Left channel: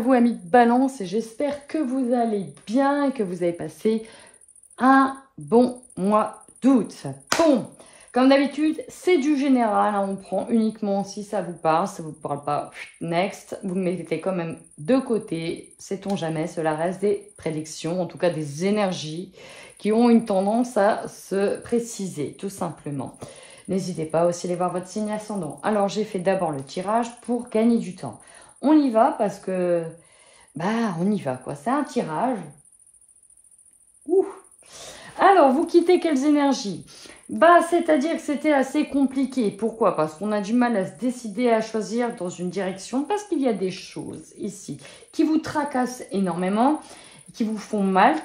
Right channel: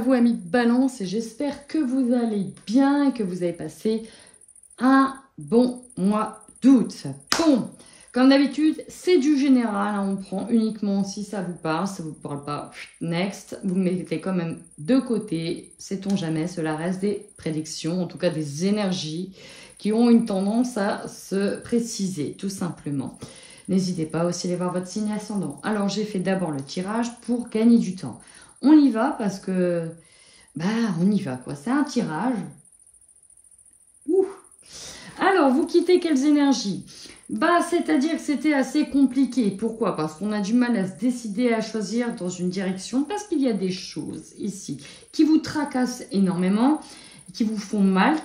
à vous, amis de Balance, et j'espère que vous allez bien et que vous avez passé un bon mois d'août. Bon, comme d'habitude, c'est du général, hein, on prend uniquement si ça vous parle, ça ne vous parle pas, next, vous le mettez quand même de côté, sait-on jamais, cela reste des prédictions, en tout cas des énergies qui ont une tendance à se préciser, tout simplement. N'hésitez pas aussi à aller voir votre signe ascendant. Alors, j'ai fait d'abord le tirage pour gagner du temps. On y va parce que, on y va quoi. C'est un tirage. Ouh. Alors, vous quittez quelles énergies? C'est-à-dire que c'était assez compliqué. Pourquoi? Parce qu'on a du mal à se décider à choisir dans une direction. Parce qu'il y a des choses ici qui vous tracassent énormément, qui vous font mal,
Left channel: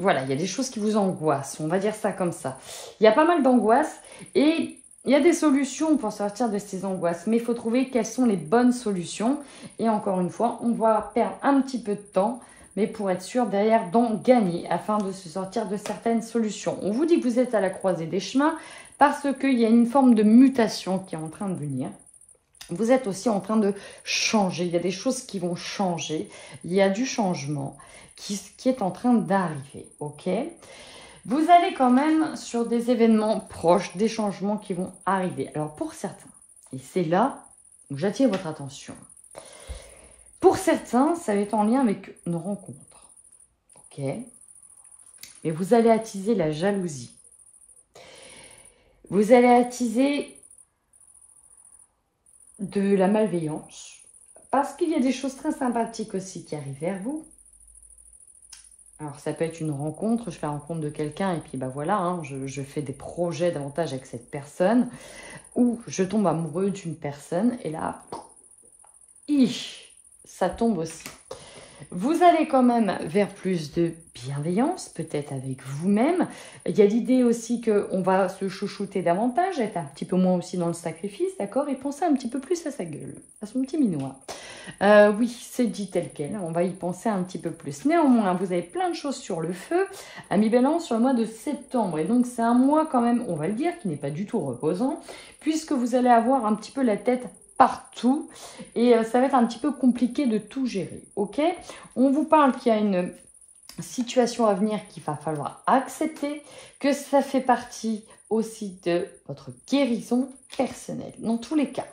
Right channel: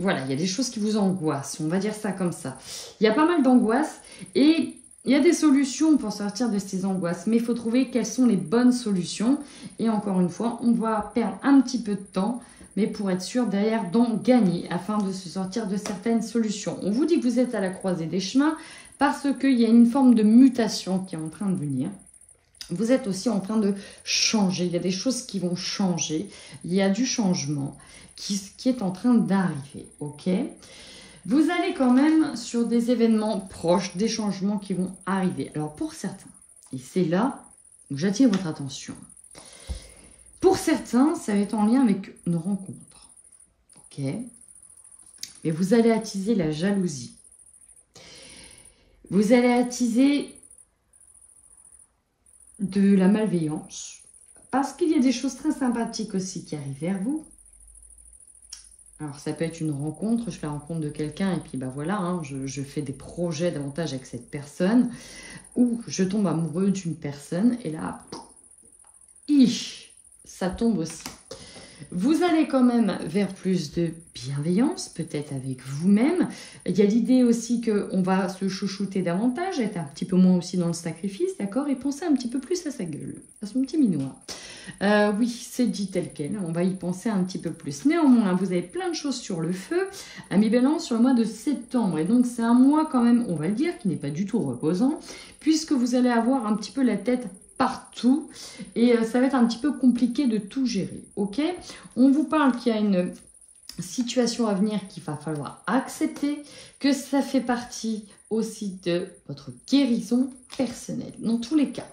voilà, il y a des choses qui vous angoissent. On va dire ça comme ça. Il y a pas mal d'angoisses et il y a des solutions pour sortir de ces angoisses, mais il faut trouver quelles sont les bonnes solutions. Et encore une fois, on va perdre un petit peu de temps, mais pour être sûr derrière d'en gagner, afin de se sortir de certaines solutions. On vous dit que vous êtes à la croisée des chemins, parce qu'il y a une forme de mutation qui est en train de venir. Vous êtes aussi en train de changer, il y a des choses qui vont changer, il y a du changement qui est en train d'arriver, ok ? Vous allez quand même sur des événements proches, des changements qui vont arriver. Alors pour certains, et c'est là où j'attire votre attention. Pour certains, ça va être en lien avec une rencontre. Ok. Mais vous allez attiser la jalousie. Vous allez attiser de la malveillance. Parce qu'il y a des choses très sympathiques aussi qui arrivent vers vous. Alors, ça peut être une rencontre, je fais la rencontre de quelqu'un et puis voilà, hein, je fais des projets davantage avec cette personne ou je tombe amoureux d'une personne et là, ça tombe aussi. Vous allez quand même vers plus de bienveillance, peut-être avec vous-même. Il y a l'idée aussi qu'on va se chouchouter davantage, être un petit peu moins aussi dans le sacrifice, d'accord? Et penser un petit peu plus à sa gueule, à son petit minois. Oui, c'est dit tel quel, on va y penser un petit peu plus. Néanmoins, vous avez plein de choses sur le feu, amis Balance, sur le mois de septembre. Et donc, c'est un mois quand même, on va le dire, qui n'est pas du tout reposant, puisque vous allez avoir un petit peu la tête partout et ça va être un petit peu compliqué de tout gérer, ok? On vous parle qu'il y a une situation à venir qu'il va falloir accepter, que ça fait partie aussi de votre guérison personnelle. Dans tous les cas,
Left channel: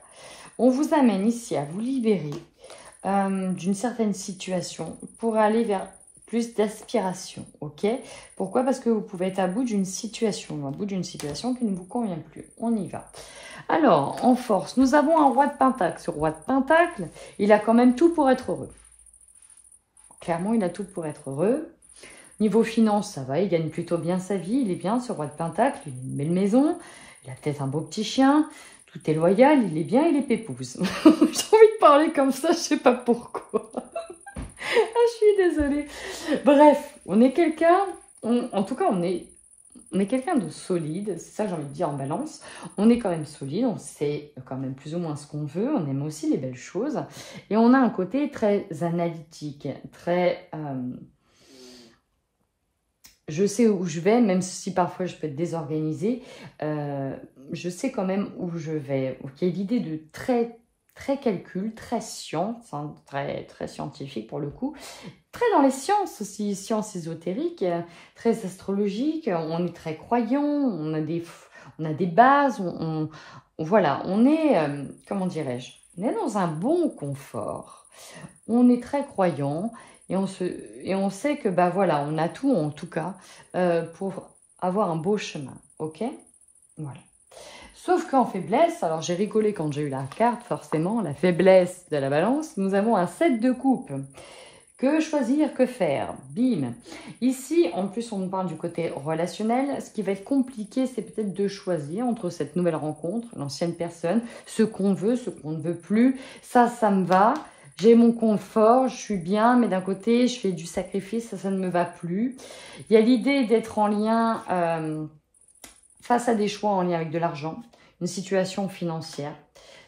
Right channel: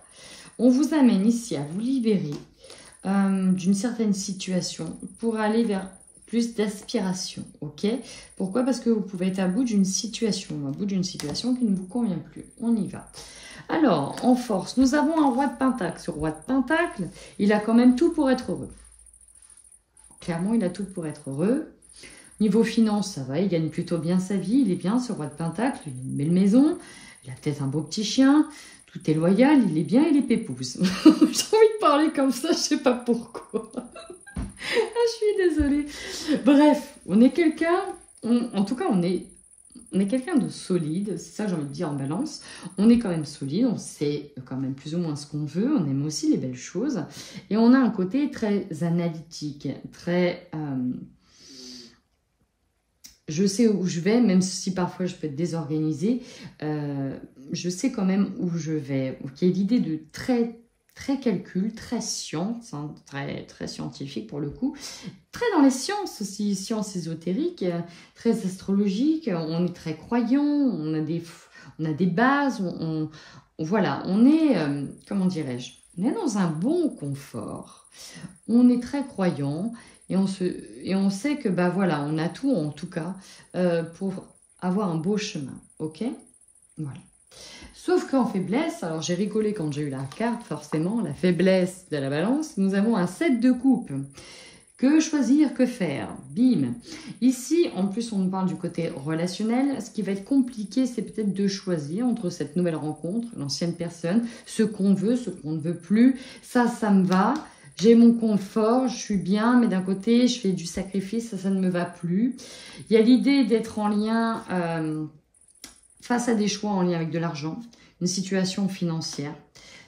on vous amène ici à vous libérer d'une certaine situation pour aller vers plus d'aspiration, ok? Pourquoi? Parce que vous pouvez être à bout d'une situation qui ne vous convient plus. On y va. Alors, en force, nous avons un roi de Pentacle. Ce roi de Pentacle, il a quand même tout pour être heureux. Clairement, il a tout pour être heureux. Niveau finance, ça va, il gagne plutôt bien sa vie. Il est bien, ce roi de Pentacle. Il a une belle maison. Il a peut-être un beau petit chien. Tout est loyal. Il est bien, il est pépouze. J'ai envie de parler comme ça, je ne sais pas pourquoi. Je suis désolée. Bref, on est quelqu'un... En tout cas, on est quelqu'un de solide, c'est ça que j'ai envie de dire en Balance. On est quand même solide, on sait quand même plus ou moins ce qu'on veut, on aime aussi les belles choses. Et on a un côté très analytique, très... je sais où je vais, même si parfois je peux être désorganisée, je sais quand même où je vais. Il y a l'idée de très calcul, très science, hein, très scientifique pour le coup, très dans les sciences aussi, sciences ésotériques, très astrologiques, on est très croyant, on a des bases, voilà, on est, comment dirais-je, on est dans un bon confort, on est très croyant et on sait que, voilà, on a tout en tout cas pour avoir un beau chemin, ok? Voilà. Sauf qu'en faiblesse, alors j'ai rigolé quand j'ai eu la carte, forcément, la faiblesse de la Balance, nous avons un 7 de coupe. Que choisir, que faire? Bim. Ici, en plus, on nous parle du côté relationnel. Ce qui va être compliqué, c'est peut-être de choisir entre cette nouvelle rencontre, l'ancienne personne, ce qu'on veut, ce qu'on ne veut plus. Ça me va. J'ai mon confort, je suis bien, mais d'un côté, je fais du sacrifice, ça ne me va plus. Il y a l'idée d'être en lien... face à des choix en lien avec de l'argent, une situation financière,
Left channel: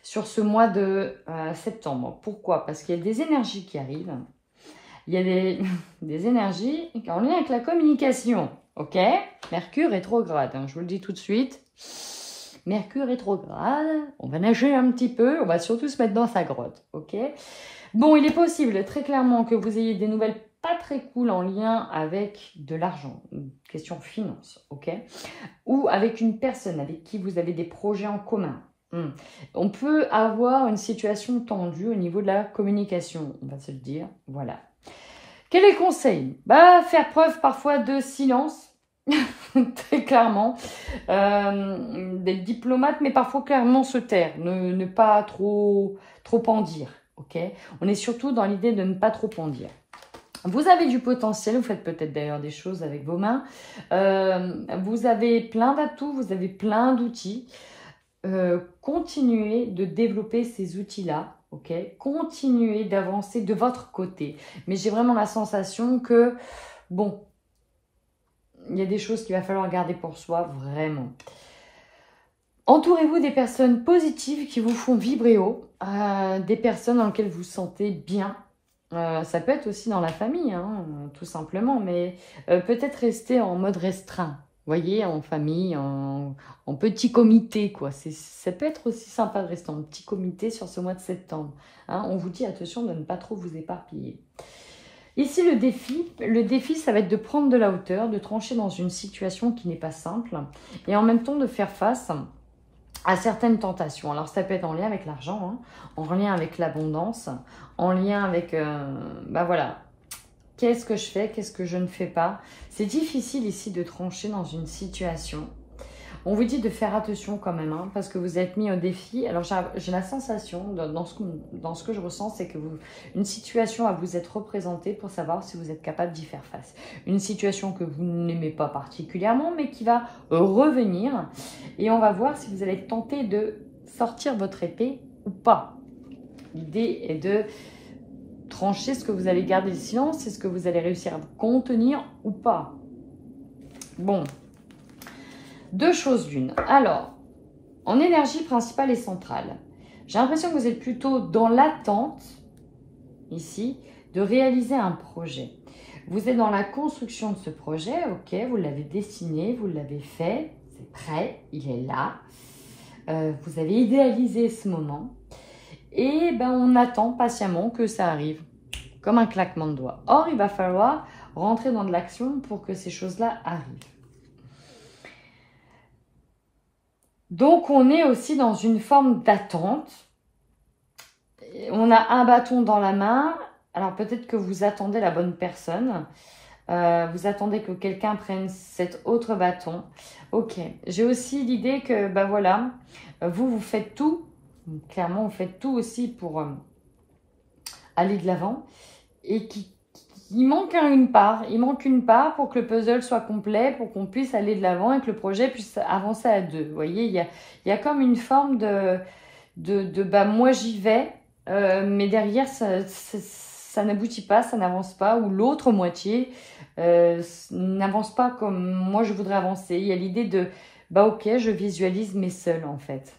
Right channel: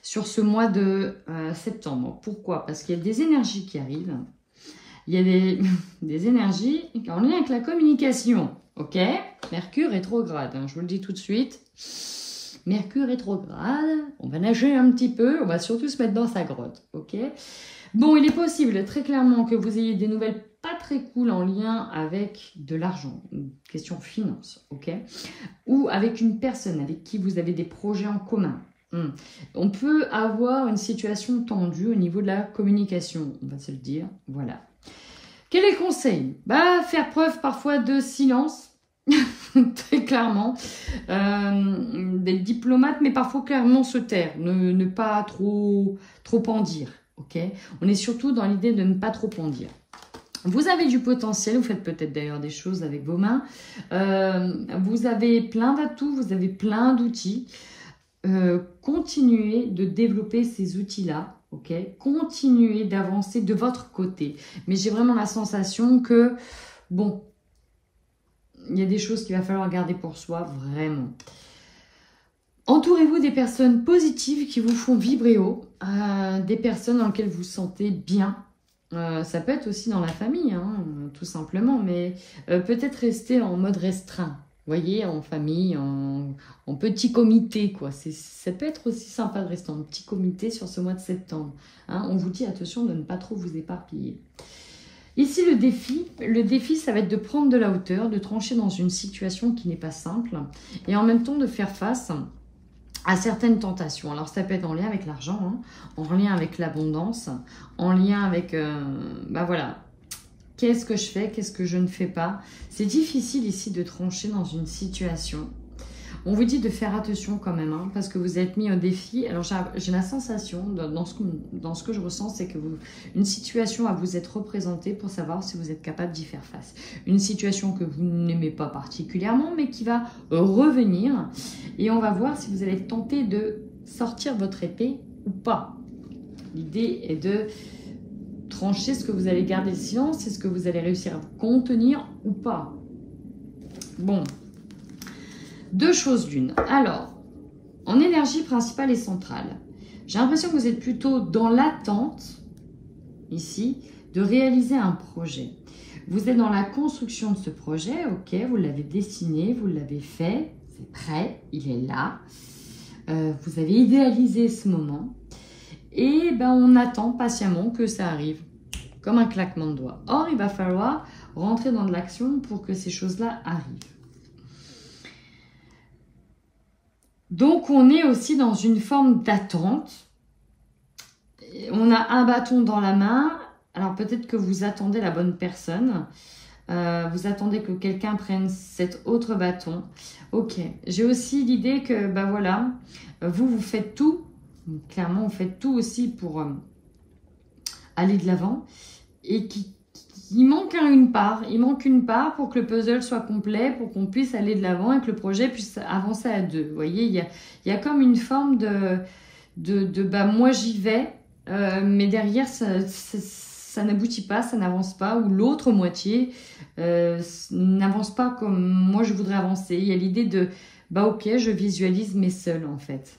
sur ce mois de septembre. Pourquoi? Parce qu'il y a des énergies qui arrivent. Il y a des énergies en lien avec la communication. Ok? Mercure rétrograde, hein, je vous le dis tout de suite. Mercure rétrograde, on va nager un petit peu, on va surtout se mettre dans sa grotte. Ok? Bon, il est possible très clairement que vous ayez des nouvelles pas très cool en lien avec de l'argent, une question finance, ok? Ou avec une personne avec qui vous avez des projets en commun. On peut avoir une situation tendue au niveau de la communication, on va se le dire, voilà. Quel est le conseil? Bah, faire preuve parfois de silence, très clairement, d'être diplomate, mais parfois clairement se taire, ne pas trop en dire, ok? On est surtout dans l'idée de ne pas trop en dire. Vous avez du potentiel, vous faites peut-être d'ailleurs des choses avec vos mains, vous avez plein d'atouts, vous avez plein d'outils. Continuez de développer ces outils-là, ok? Continuez d'avancer de votre côté. Mais j'ai vraiment la sensation que, bon, il y a des choses qu'il va falloir garder pour soi, vraiment. Entourez-vous des personnes positives qui vous font vibrer haut, des personnes dans lesquelles vous vous sentez bien. Ça peut être aussi dans la famille, hein, tout simplement, mais peut-être rester en mode restreint. Vous voyez, en famille, en petit comité, quoi. Ça peut être aussi sympa de rester en petit comité sur ce mois de septembre. Hein. On vous dit, attention de ne pas trop vous éparpiller. Ici, le défi, ça va être de prendre de la hauteur, de trancher dans une situation qui n'est pas simple, et en même temps de faire face à certaines tentations. Alors, ça peut être en lien avec l'argent, hein, en lien avec l'abondance, en lien avec, bah voilà, qu'est-ce que je fais, qu'est-ce que je ne fais pas. C'est difficile ici de trancher dans une situation. On vous dit de faire attention quand même, hein, parce que vous êtes mis au défi. Alors, j'ai la sensation, dans ce que je ressens, c'est que une situation va vous être représentée pour savoir si vous êtes capable d'y faire face. Une situation que vous n'aimez pas particulièrement, mais qui va revenir. Et on va voir si vous allez tenter de sortir votre épée ou pas. L'idée est de trancher ce que vous allez garder le silence, est-ce que vous allez réussir à contenir ou pas. Bon. Deux choses l'une. Alors, en énergie principale et centrale, j'ai l'impression que vous êtes plutôt dans l'attente, ici, de réaliser un projet. Vous êtes dans la construction de ce projet, ok, vous l'avez dessiné, vous l'avez fait, c'est prêt, il est là. Vous avez idéalisé ce moment. Et ben, on attend patiemment que ça arrive, comme un claquement de doigts. Or, il va falloir rentrer dans de l'action pour que ces choses-là arrivent. Donc, on est aussi dans une forme d'attente. On a un bâton dans la main. Alors, peut-être que vous attendez la bonne personne. Vous attendez que quelqu'un prenne cet autre bâton. Ok. J'ai aussi l'idée que, ben voilà, vous faites tout. Clairement, vous faites tout aussi pour aller de l'avant. Et il manque une part. Il manque une part pour que le puzzle soit complet, pour qu'on puisse aller de l'avant et que le projet puisse avancer à deux. Vous voyez, il y a comme une forme de bah, moi j'y vais, mais derrière ça n'aboutit pas, ça n'avance pas, ou l'autre moitié n'avance pas comme moi je voudrais avancer. Il y a l'idée de, bah ok, je visualise mais seul en fait.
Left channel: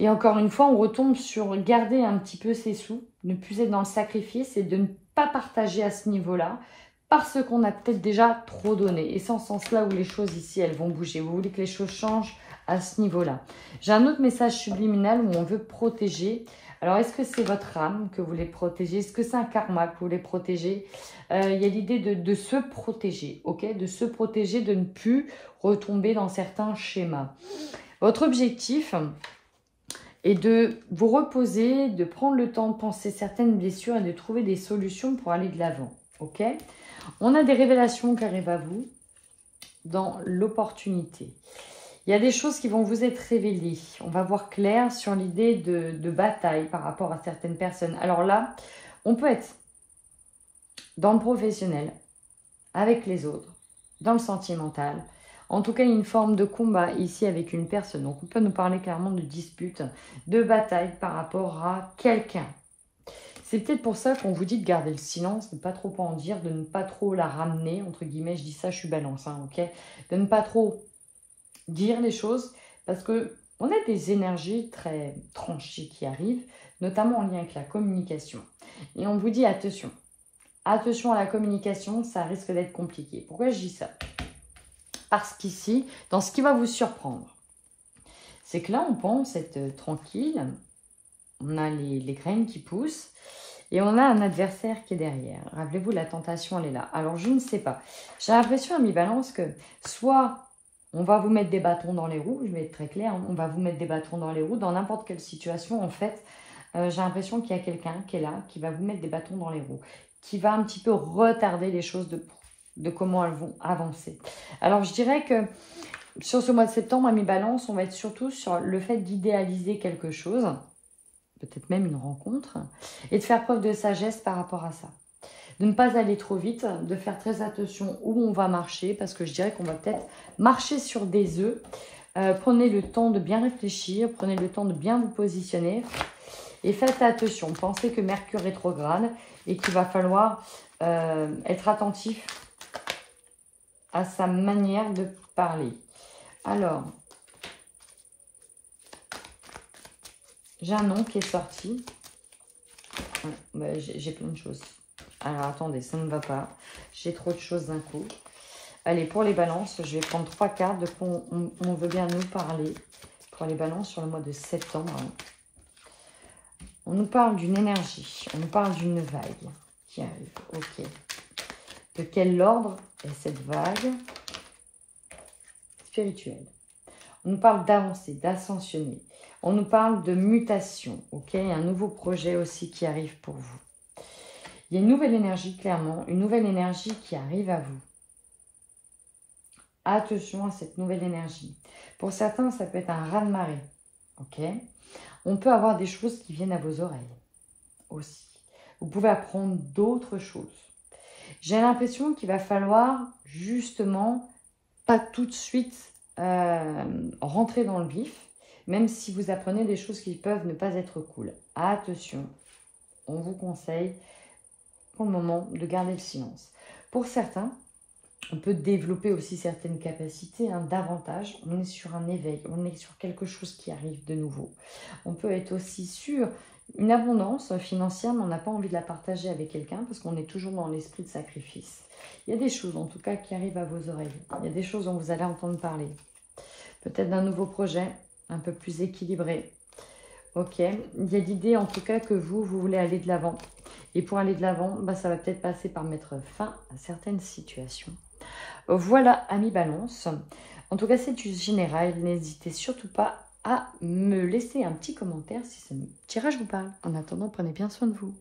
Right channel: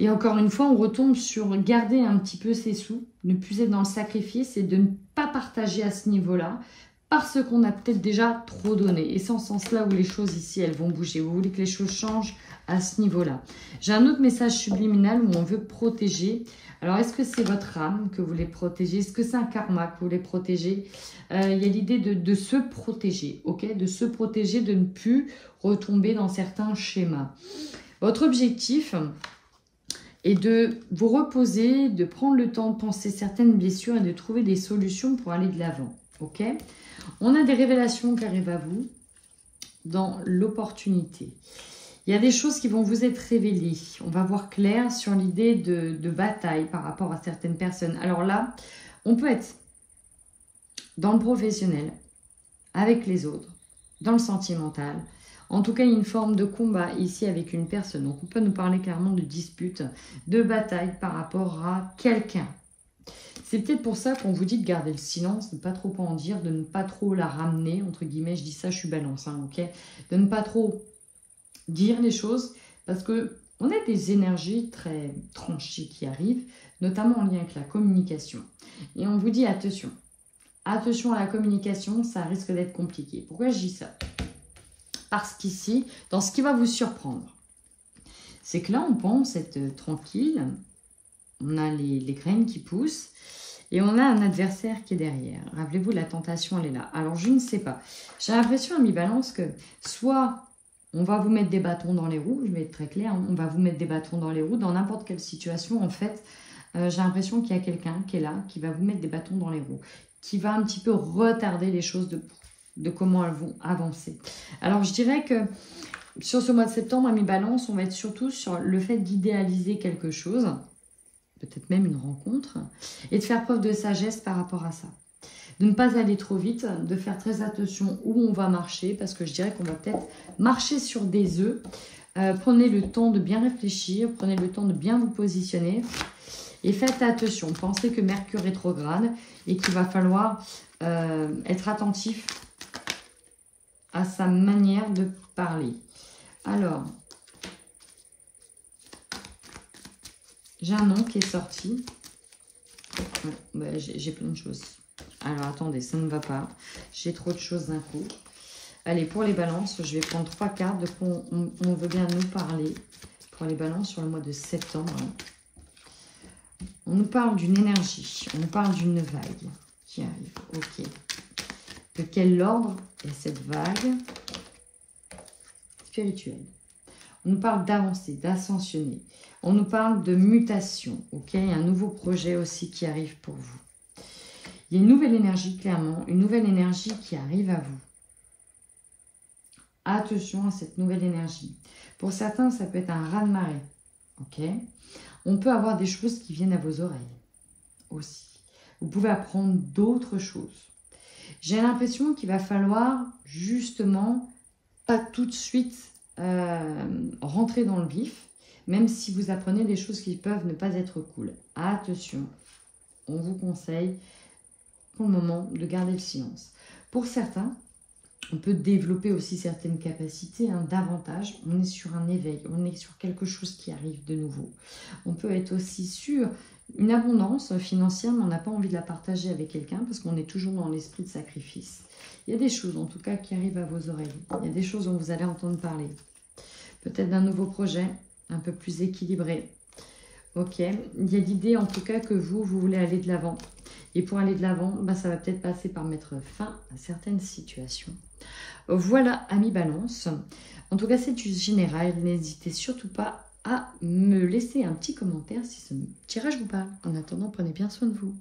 Et encore une fois, on retombe sur garder un petit peu ses sous, ne plus être dans le sacrifice et de ne pas partager à ce niveau-là parce qu'on a peut-être déjà trop donné. Et c'est en ce sens-là où les choses ici, elles vont bouger. Vous voulez que les choses changent à ce niveau-là. J'ai un autre message subliminal où on veut protéger. Alors, est-ce que c'est votre âme que vous voulez protéger? Est-ce que c'est un karma que vous voulez protéger? Il y a l'idée de se protéger, ok? De se protéger, de ne plus retomber dans certains schémas. Votre objectif et de vous reposer, de prendre le temps de penser certaines blessures et de trouver des solutions pour aller de l'avant. Ok? On a des révélations qui arrivent à vous dans l'opportunité. Il y a des choses qui vont vous être révélées. On va voir clair sur l'idée de bataille par rapport à certaines personnes. Alors là, on peut être dans le professionnel, avec les autres, dans le sentimental. En tout cas, il y a une forme de combat ici avec une personne. Donc, on peut nous parler clairement de dispute, de bataille par rapport à quelqu'un. C'est peut-être pour ça qu'on vous dit de garder le silence, de ne pas trop en dire, de ne pas trop la ramener, entre guillemets. Je dis ça, je suis balance, hein, ok? De ne pas trop dire les choses parce qu'on a des énergies très tranchées qui arrivent, notamment en lien avec la communication. Et on vous dit attention. Attention à la communication, ça risque d'être compliqué. Pourquoi je dis ça? Parce qu'ici, dans ce qui va vous surprendre, c'est que là, on pense être tranquille, On a les graines qui poussent. Et on a un adversaire qui est derrière. Rappelez-vous, la tentation, elle est là. Alors, je ne sais pas. J'ai l'impression, ami Balance, que soit on va vous mettre des bâtons dans les roues, je vais être très claire, on va vous mettre des bâtons dans les roues dans n'importe quelle situation, en fait. J'ai l'impression qu'il y a quelqu'un qui est là, qui va vous mettre des bâtons dans les roues, qui va un petit peu retarder les choses de comment elles vont avancer. Alors, je dirais que sur ce mois de septembre, ami Balance, on va être surtout sur le fait d'idéaliser quelque chose, peut-être même une rencontre, et de faire preuve de sagesse par rapport à ça. De ne pas aller trop vite, de faire très attention où on va marcher, parce que je dirais qu'on va peut-être marcher sur des œufs. Prenez le temps de bien réfléchir, prenez le temps de bien vous positionner, et faites attention. Pensez que Mercure rétrograde, et qu'il va falloir être attentif à sa manière de parler. Alors, j'ai un nom qui est sorti. J'ai plein de choses. Alors, attendez, ça ne va pas. J'ai trop de choses d'un coup. Allez, pour les balances, je vais prendre 3 cartes de quoi on veut bien nous parler. Pour les balances sur le mois de septembre. On nous parle d'une énergie. On nous parle d'une vague qui arrive. Ok. De quel ordre est cette vague spirituelle? On nous parle d'avancer, d'ascensionner. On nous parle de mutation, ok? Il y a un nouveau projet aussi qui arrive pour vous. Il y a une nouvelle énergie, clairement, une nouvelle énergie qui arrive à vous. Attention à cette nouvelle énergie. Pour certains, ça peut être un raz-de-marée, ok? On peut avoir des choses qui viennent à vos oreilles aussi. Vous pouvez apprendre d'autres choses. J'ai l'impression qu'il va falloir justement pas tout de suite rentrer dans le vif, même si vous apprenez des choses qui peuvent ne pas être cool. Attention, on vous conseille pour le moment de garder le silence. Pour certains, on peut développer aussi certaines capacités, davantage. On est sur un éveil, on est sur quelque chose qui arrive de nouveau. On peut être aussi sur une abondance financière, mais on n'a pas envie de la partager avec quelqu'un parce qu'on est toujours dans l'esprit de sacrifice. Il y a des choses en tout cas qui arrivent à vos oreilles. Il y a des choses dont vous allez entendre parler. Peut-être d'un nouveau projet un peu plus équilibré. Ok, il y a l'idée en tout cas que vous voulez aller de l'avant. Et pour aller de l'avant, ça va peut-être passer par mettre fin à certaines situations. Voilà, amis Balance. En tout cas, c'est juste général. N'hésitez surtout pas à me laisser un petit commentaire si ce tirage vous parle. En attendant, prenez bien soin de vous.